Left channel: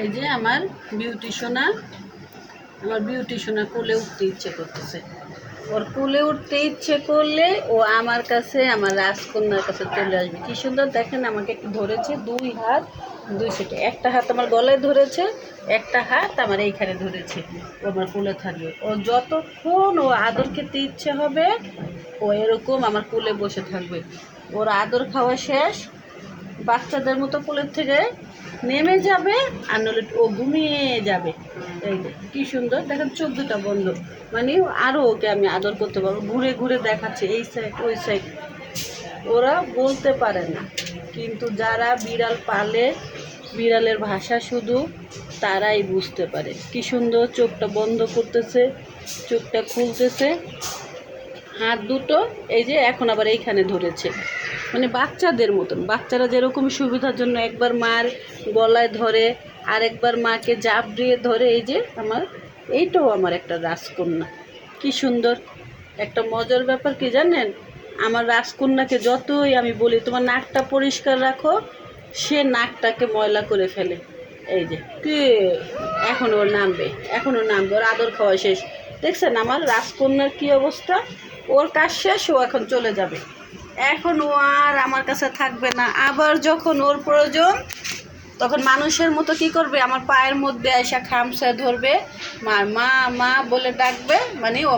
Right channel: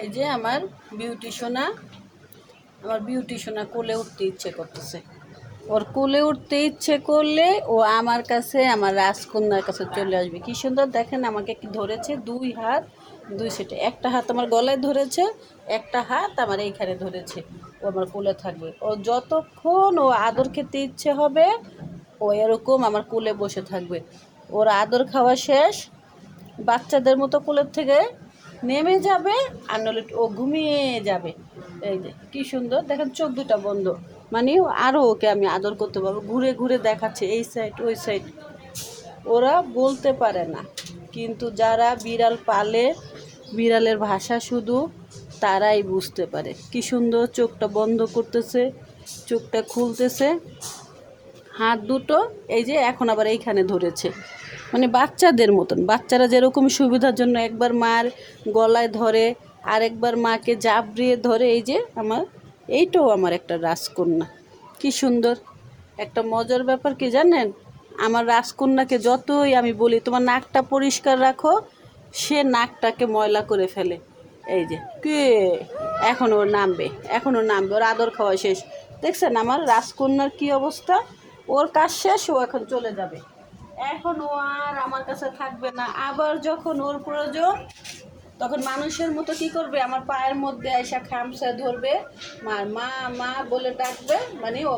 এই যে আমার বিউটি সোনা কোলে উঠতে ইচ্ছে করতেছে। ওর কোলে উঠতে ইচ্ছে করলে ও আমার কাছে, আমার রাজকন্যার কাছে চলে আসবে। কি সুন্দর দেখেন, আমাকে একটু ধরেছে, দুই হাত দুই সেটে, একটা হাত আমার গলায় ধরেছে, একটা হাত আমার এইখানে ধরেছে। ও আমার কোলে থাকবে। ও যতক্ষণ ও আদর খেতে ইচ্ছে হবে ও এরকম আমার কোলে বসে থাকবে। ওর আদর খাওয়া শেষ, বাচ্চাদের মতো কোলের থেকে নেমে যাবে, আর নইলে ও ঘুমিয়ে যাবে। এই যে কি সুন্দর দেখেন, চোখ দুটা বন্ধ, মানে আরও ওকে আমি আদর করতে পারবো। ঘুরে ঘুরে দেখাচ্ছে এই সাইড ওই সাইড। ওরা বলতে পারে না, কিন্তু যারা বিড়াল পালে, বিড়ালের ভাষা শুধু তারাই বুঝতে পারে। কি সুন্দর চোখটা বন্ধ করতেছে, চোখটা খুলতেছে, হাত দুটো এই যে এখন আবার এইখানে ধরেছে। মানে বাচ্চাদের মতন, বাচ্চারা যেরকম সুবিধার জন্য একবার মার গলায় ধরে, আরেকবার মাকে জাপড়িয়ে ধরে। এই যে এইটাও আমার একটা রাজকন্যা। কি সুন্দর একটা মজার ব্যাপার কি জানেন, আমার রাজকন্যাকে যতই আমি বলি তোমার নাকটা পরিষ্কার রাখো, সে নাকটাকে ময়লা করে ফেলে। এই যে কি, এখন ওর নামবে, ওর আদর খাওয়া শেষ। দেখছেন আমার রাজকন্যার কি অবস্থা? ওর কাজ শেষ, ও এখন চলে যাবে। এখন ও আর আমার কাছে থাকবে না। আবার যখন ওর প্রয়োজন তখন মানুষের মতো কি করবে, আমার পায়ের মধ্যে এসে খামচা ধরবে, মা মা মা বলে ডাকবে, মানে ও